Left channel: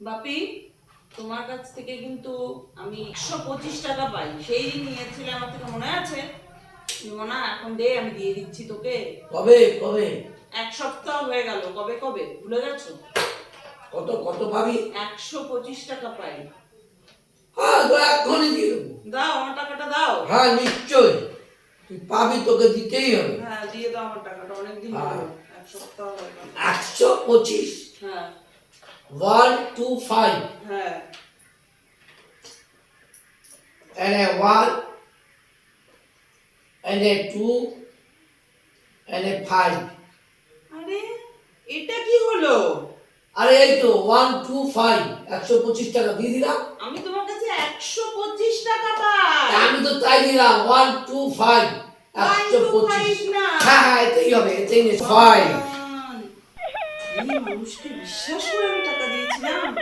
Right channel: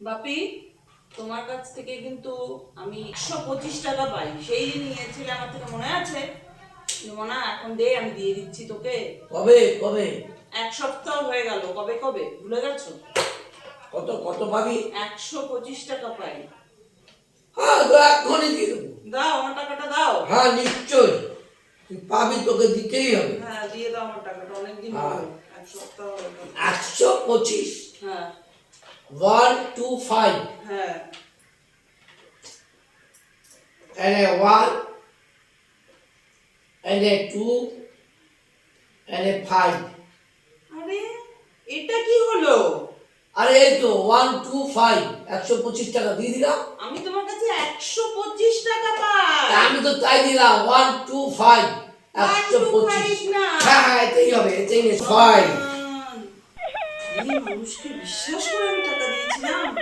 বাপি, তোমার কাছ থেকে কিন্তু আমি 125 টাকা পাই। সেই দিন নিয়েছিলে আমার থেকে, মনে আছে? মনা, এখন দে, আমি দিয়ে দিচ্ছি তোকে। কবে কবে? এক সপ্তাহ হয়ে গেল। কবে কবে ভুলে গেছো? কত কত পাবি? 125 টাকা পাই। হ্যাঁ, তো এখনই দিয়ে দেবো। দাও, আমার টাকাটা দাও। হ্যাঁ, নিশ্চয়ই তুই পাবি, তোকে দিতেই হবে। হ্যাঁ, দিয়ে দাও আমার টাকাটা, অনেকদিন হলো, এক সপ্তাহ হয়ে গেল। 125। হ্যাঁ 125 হ্যাঁ and a 1 and a 2 and a 5. আরে, এটা কি হলো? আরে এই তো 125, 125 টাকা দিয়ে দিলাম। আমি তোমার কাছে 125 টাকা পাই। আমি তো তাই দিলাম 125, 125 না। হ্যাঁ হ্যাঁ, এটাই হবে, এটাই 5। এই মানুষকে বিশ্বাস করে আমি টাকা দিয়েছিলাম।